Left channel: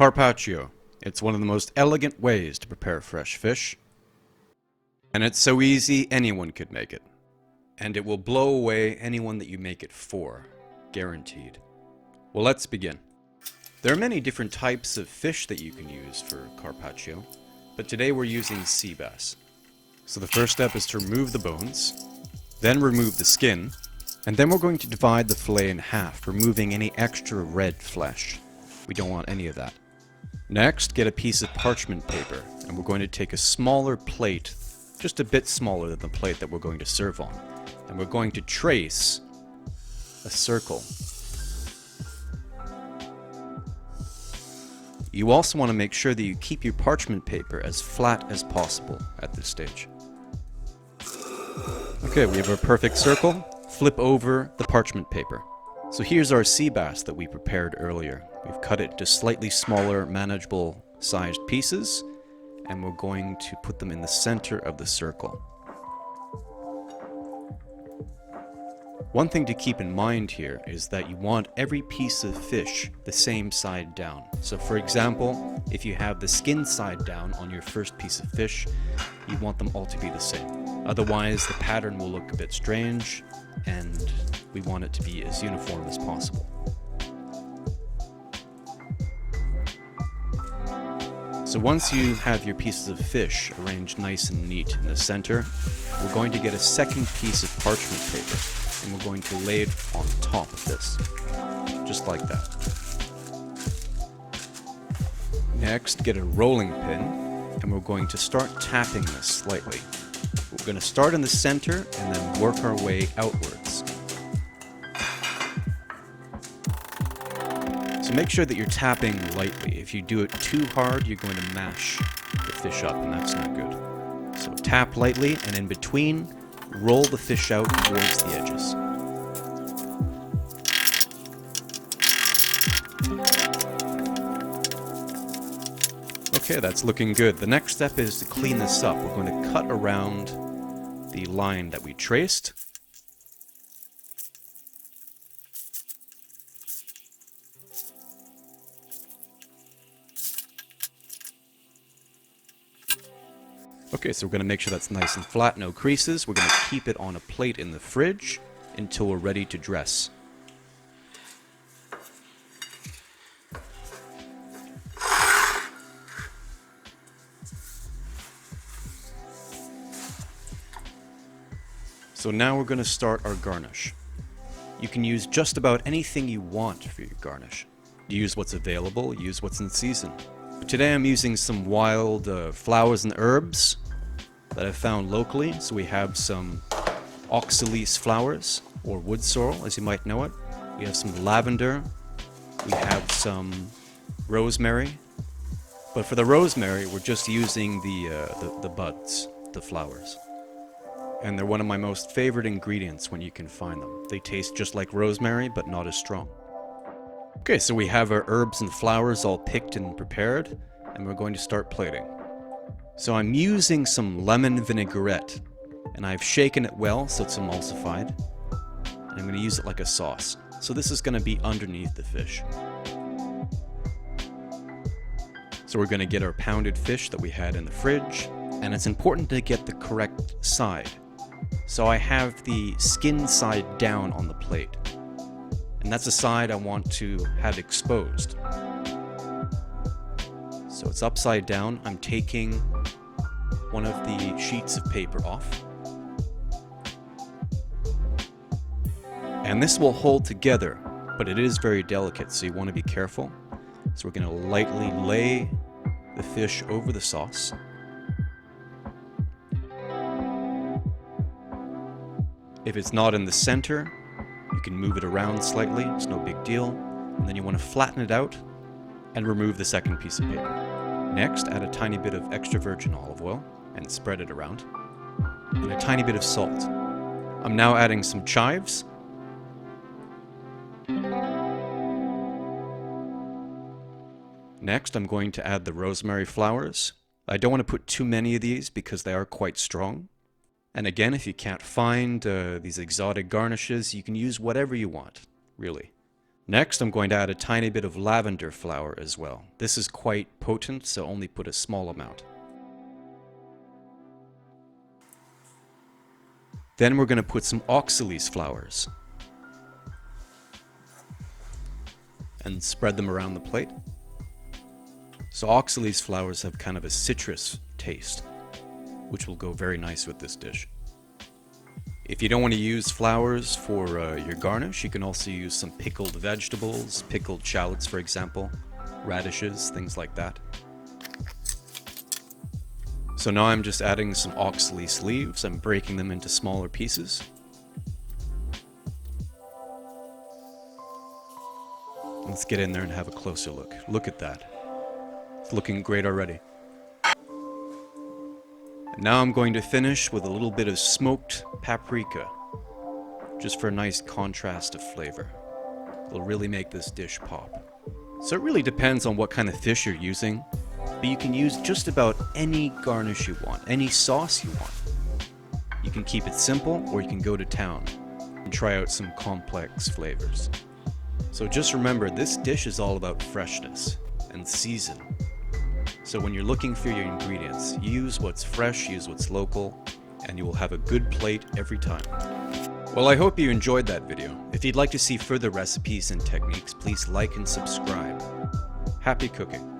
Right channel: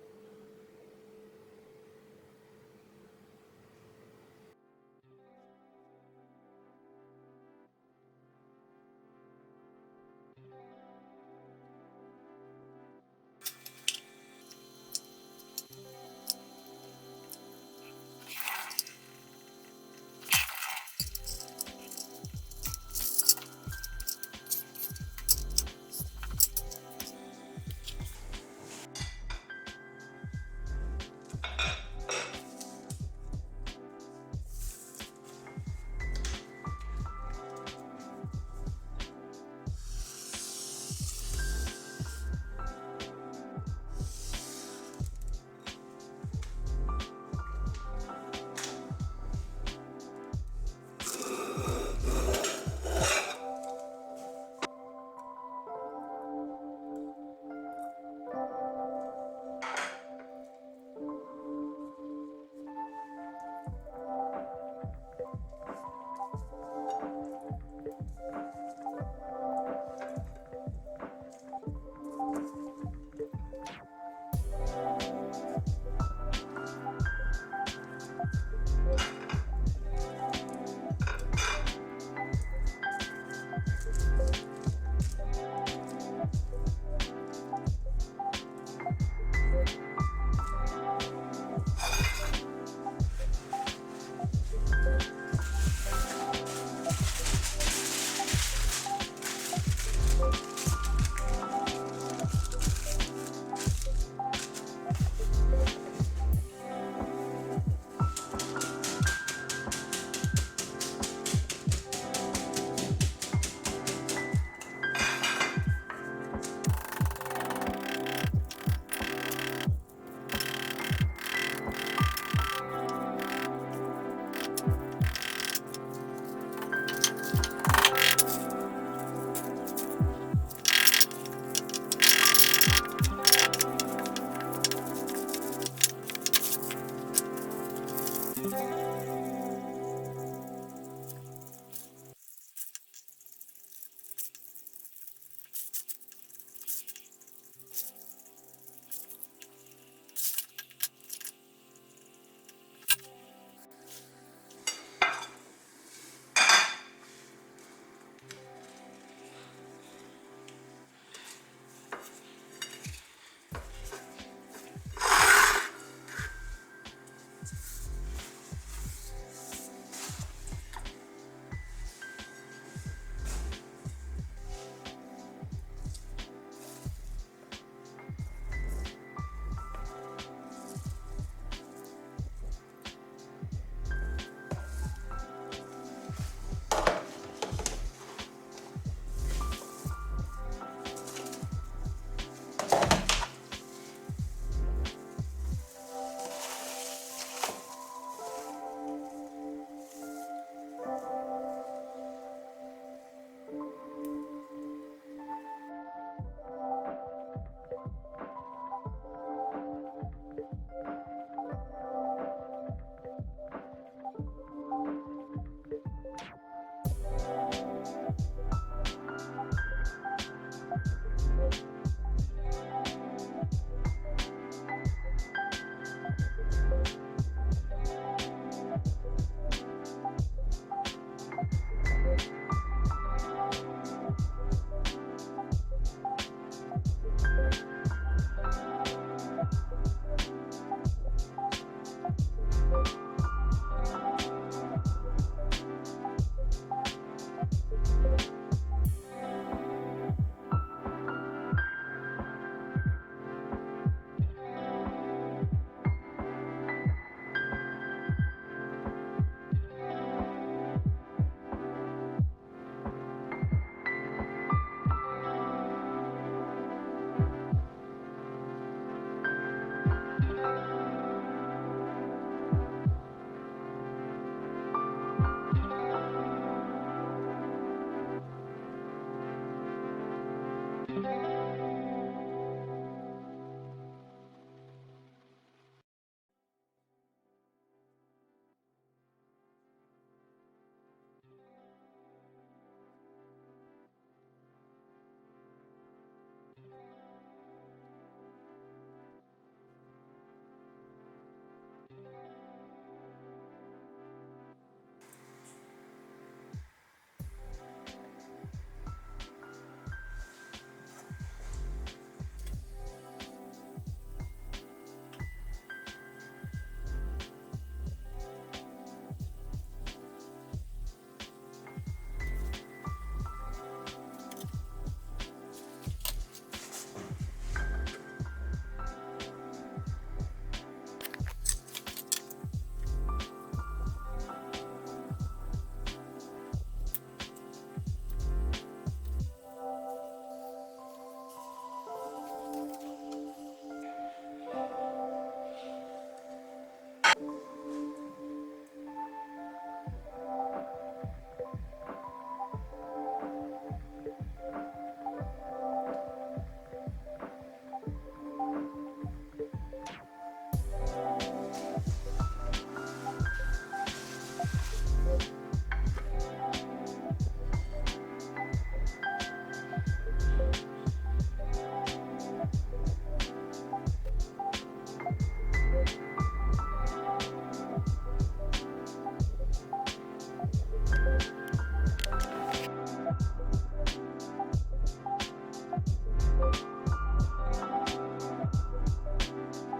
Carpaccio. It's one of the most elegant ways to prepare fresh fish. And it's so easy, anyone could make it. And it will blow away anyone that you make it for. Guaranteed. Well, let's begin. There are many different types of fish that you can use for carpaccio, but today we're using sea bass. So the first step is to remove the bones, then remove the skin, and then we're going to divide the fillet in half, removing any extra red flesh. We don't want any of that. Next, get a piece of parchment paper, and we're going to take a smaller plate, just a bit smaller than the plate that we're going to serve on, and we're going to trace a circle. You also want to make sure that you keep your parchment paper as flat as possible at this stage. Okay, we have our perfect circle. Flip over the parchment paper. So here's our sea bass that we prepared earlier. We've cut it into slightly smaller, manageable sized pieces, and we're going to put them in the center of the circle. One thing to keep in mind here is that you want every piece of fish the same side down. So for example, if you have the skin side down on your first piece of fish, you want them all to be the same. Otherwise, the pattern will look a bit strange, and we want it to be as uniform as possible. So once you have your pieces of fish arranged nice and neat in the center, we're going to get a second piece of parchment paper, and we're going to lay it on top of this, just like that. Next, get a rolling pin, and we're going to start tapping this slightly. We're going to start in the center and then work our way outwards. So make sure that you're tapping lightly. If you do it too hard, you're going to mash the fish up, and that's not good. So tap lightly, and in between, roll the fish out towards the edges. Okay, that's looking good. The next step is to clean this up. We're going to cut around the line that we traced. Okay, so we're going to make sure that's nice and flat, no creases. We're going to keep it on a plate in the fridge until we're ready to dress. So now we're going to start our garnish. You can use just about anything you want for your garnish. Use what's available, use what's in season. Today I'm using some wild flowers and herbs that I've found locally. So we have some oxalis flowers, or wood sorrel as you might know it. We have some lavender. We have some rosemary. But for the rosemary, we're just using the buds, the flowers. And they're one of my most favorite ingredients when you can find them. They taste just like rosemary, but not as strong. Okay, so we have our herbs and flowers all picked and prepared, and we're going to start plating. So I'm using some lemon vinaigrette, and I've shaken it well so it's emulsified. And I'm going to use it like a sauce. So this is going to be underneath the fish. So we're going to get our pounded fish that we had in the fridge, and it's important to get the correct side. So I have the skin side down on the plate, and that's the side I want to have exposed. So it's upside down. I'm taking one of the sheets of paper off, and this will hold together, but it is very delicate, so you want to be careful. So we're going to lightly lay the fish over the sauce. If it's not in the center, you can move it around slightly, it's no big deal. And then you want to flatten it out and remove the second piece of paper. Next, add a tiny bit of extra virgin olive oil and spread it around. And a tiny bit of salt. I'm now adding some chives. Next, I'm going to add the rosemary flowers. I don't want to put too many of these because they are quite strong. And again, if you can't find these exotic garnishes, you can use whatever you want, really. Next, I'm going to add a tiny bit of lavender flower as well. This is quite potent, so only put a small amount. Then we're going to put some oxalis flowers and spread them around the plate. So oxalis flowers have kind of a citrus taste, which will go very nice with this dish. If you don't want to use flowers for your garnish, you can also use some pickled vegetables, pickled shallots for example, radishes, things like that. So now I'm just adding some oxalis leaves and breaking them into smaller pieces. Let's get in there and have a closer look. Look at that. It's looking great already. Now I'm going to finish with a little bit of smoked paprika, just for a nice contrast of flavor. It'll really make this dish pop. So it really depends on what kind of fish you're using, but you can use just about any garnish you want, any sauce you want. You can keep it simple, or you can go to town and try out some complex flavors. So just remember, this dish is all about freshness and season. So when you're looking for your ingredients, use what's fresh, use what's local, and you will have a good plate every time. Well, I hope you enjoyed that video. If you'd like to see further recipes and techniques, please like and subscribe. Happy cooking!